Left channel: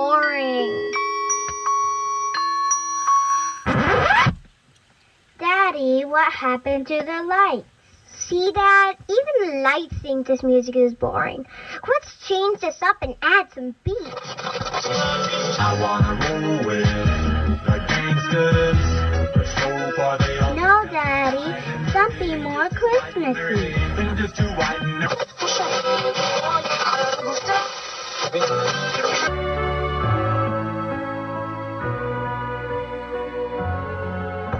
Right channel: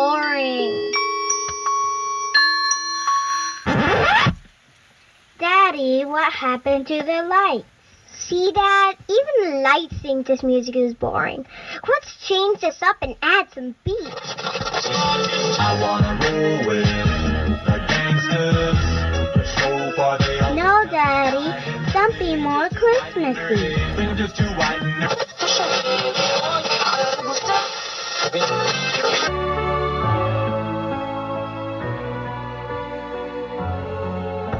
boring. Daddy, what happened to the lights? See, Dad? Even the lights think this music is boring. Let's change this up and add some beats. I wanna roll with the gangsters. So far they all No, Daddy. Something more Christmassy. fingers too white and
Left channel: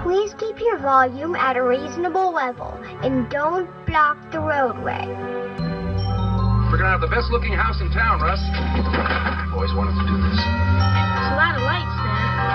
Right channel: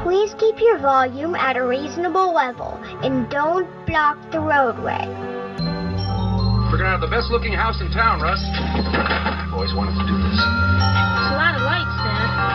Please keep your volume at a reasonable level and don't block the roadway. We're gonna have the best looking house in town, Russ. I've always wanted to do this. It's a lot of lights, Dad.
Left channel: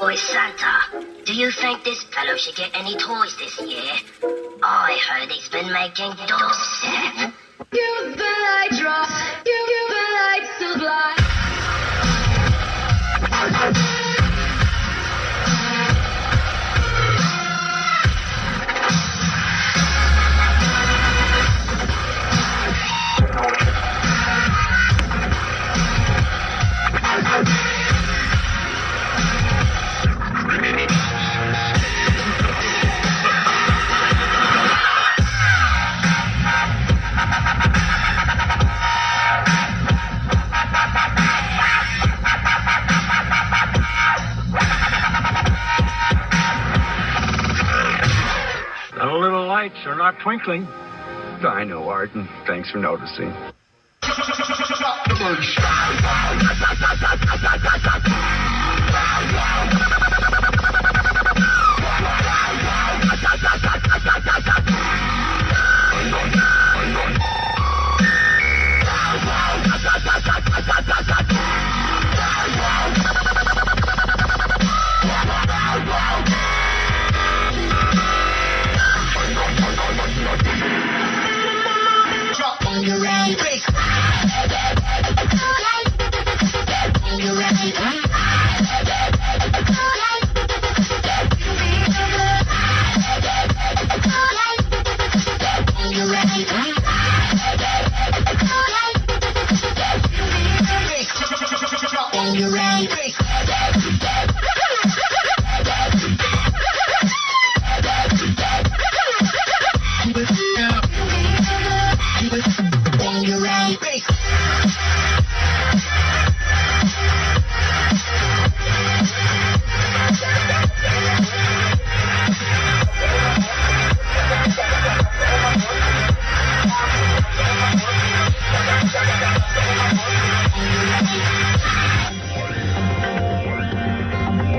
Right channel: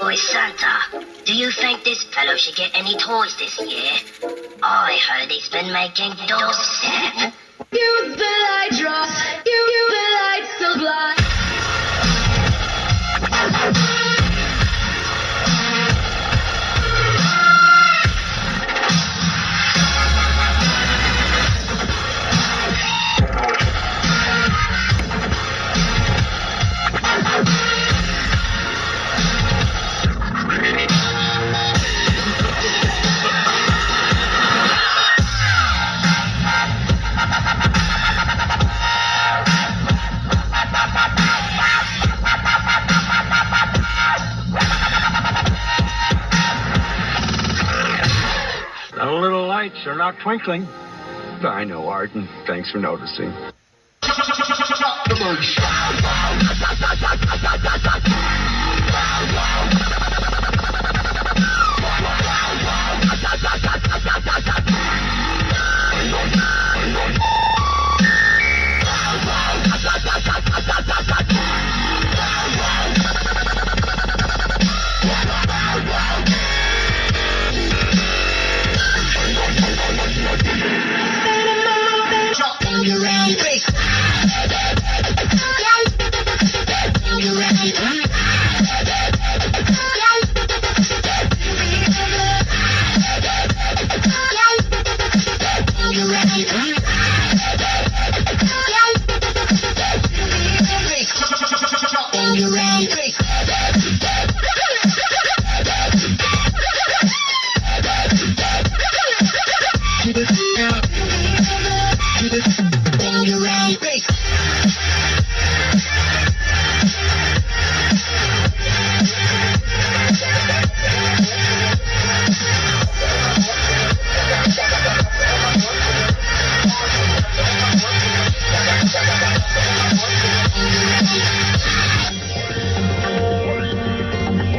Boy Santa, do you think this fellow should get any toys this year? I heard he's been making dubstep. Use the light drop. Use the light supply. The little lights are not twinkling. I know, Arden. Thanks for noticing.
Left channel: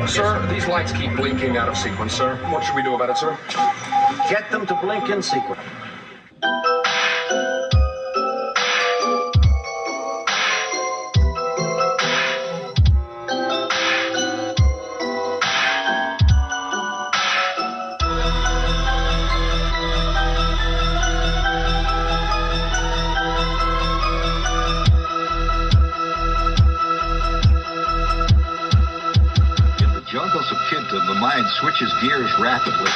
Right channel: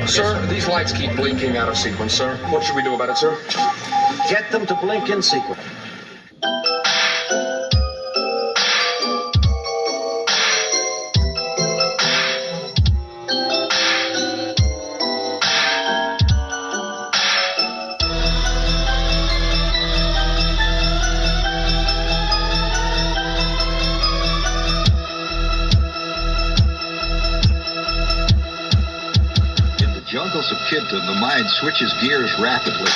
Sir, these lights keep blinking out of sequence, sir. What should we do about it, sir? Get them to blink in sequence. Jungles of Kidton, the mind switches gears rapidly.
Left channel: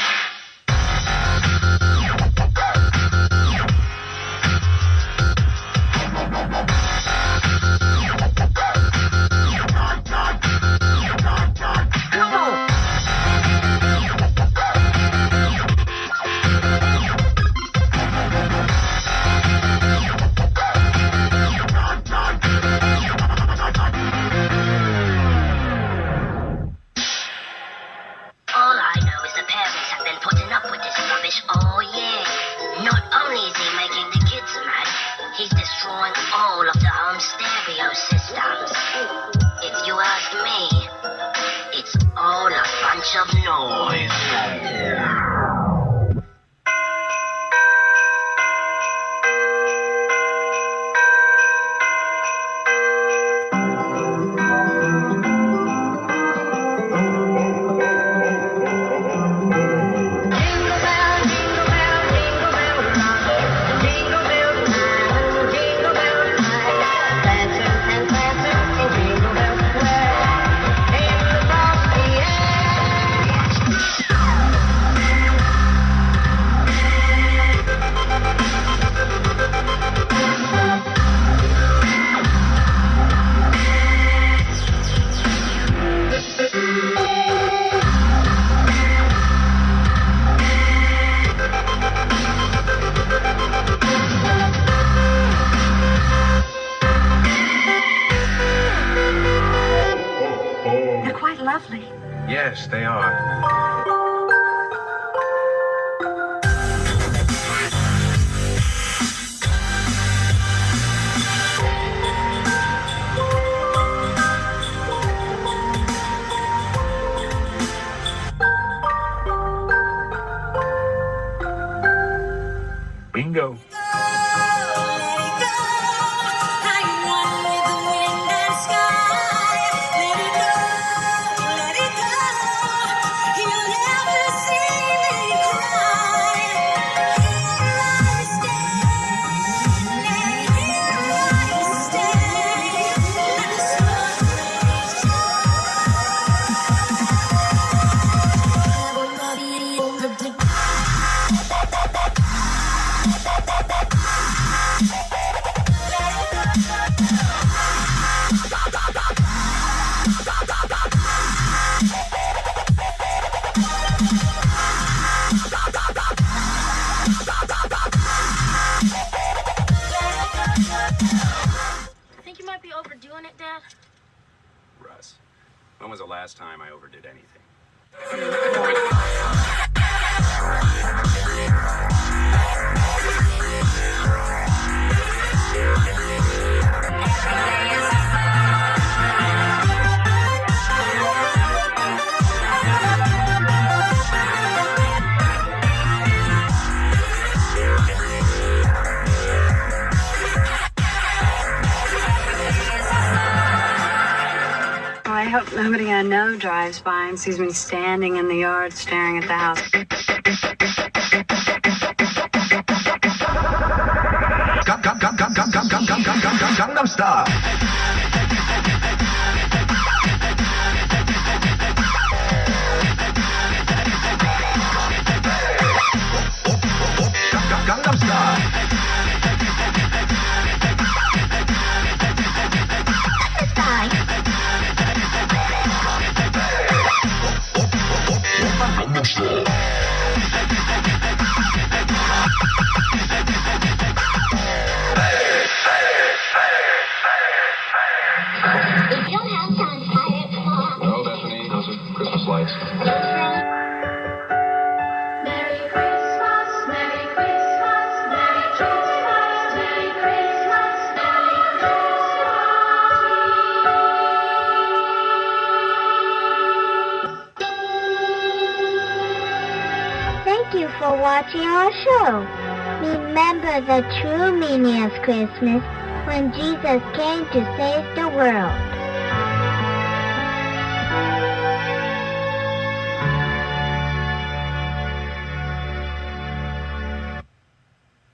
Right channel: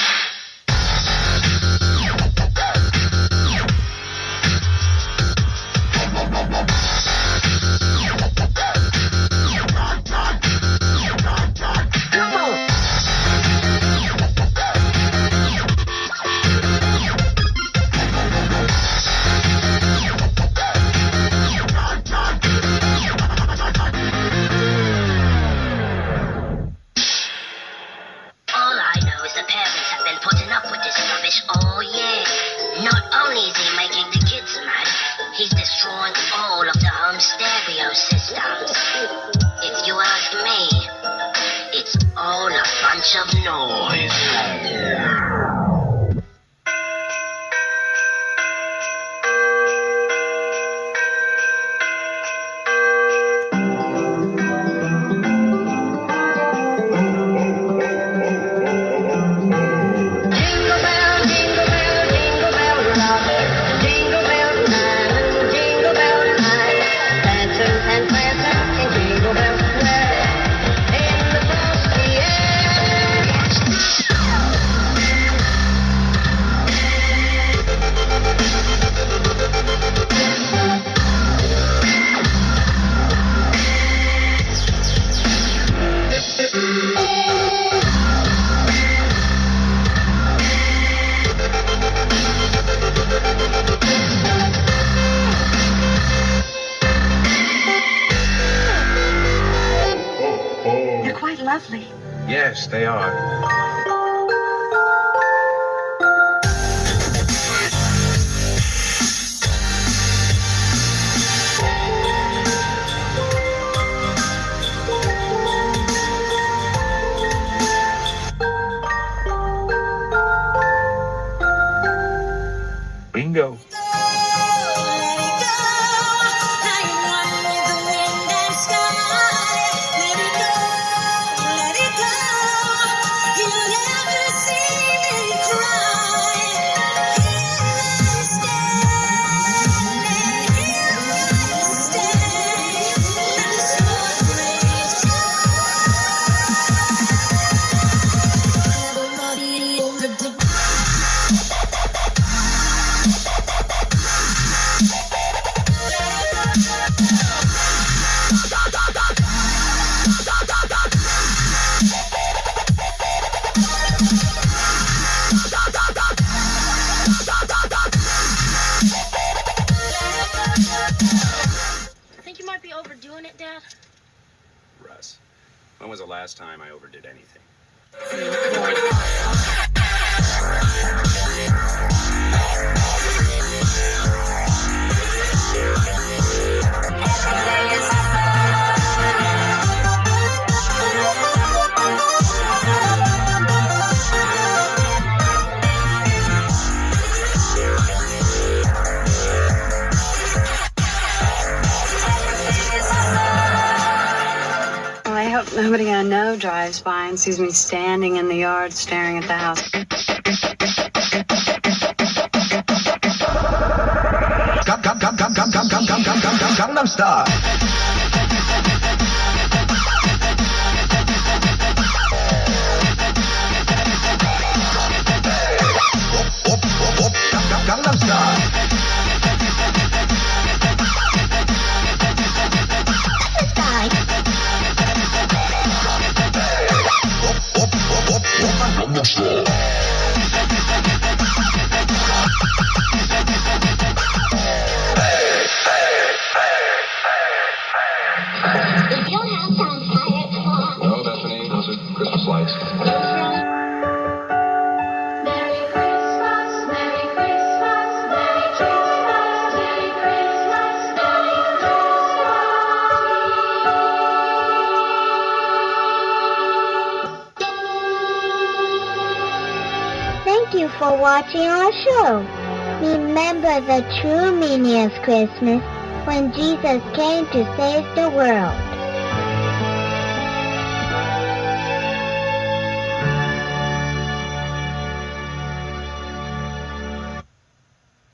stamps. If you ask me, it's all a bunch of noise. They're quite lovely. Yes, they are. Bingo. I think you might be overdoing it, Dad. Russ, when was the last time I overdid anything? Well, I hope nobody I know drives by and sees me standing in the yard staring at the house. Gangnam Style. Gangnam Style. Gangnam Style. If you don't have time, tie it off. No, Bethany, those are Christmas lights. Merry Christmas, Merry Christmas, Merry Christmas, Merry Christmas, Merry Christmas. Thank you for watching our show. Remember the true meaning of Christmas when Jesus came to save the world.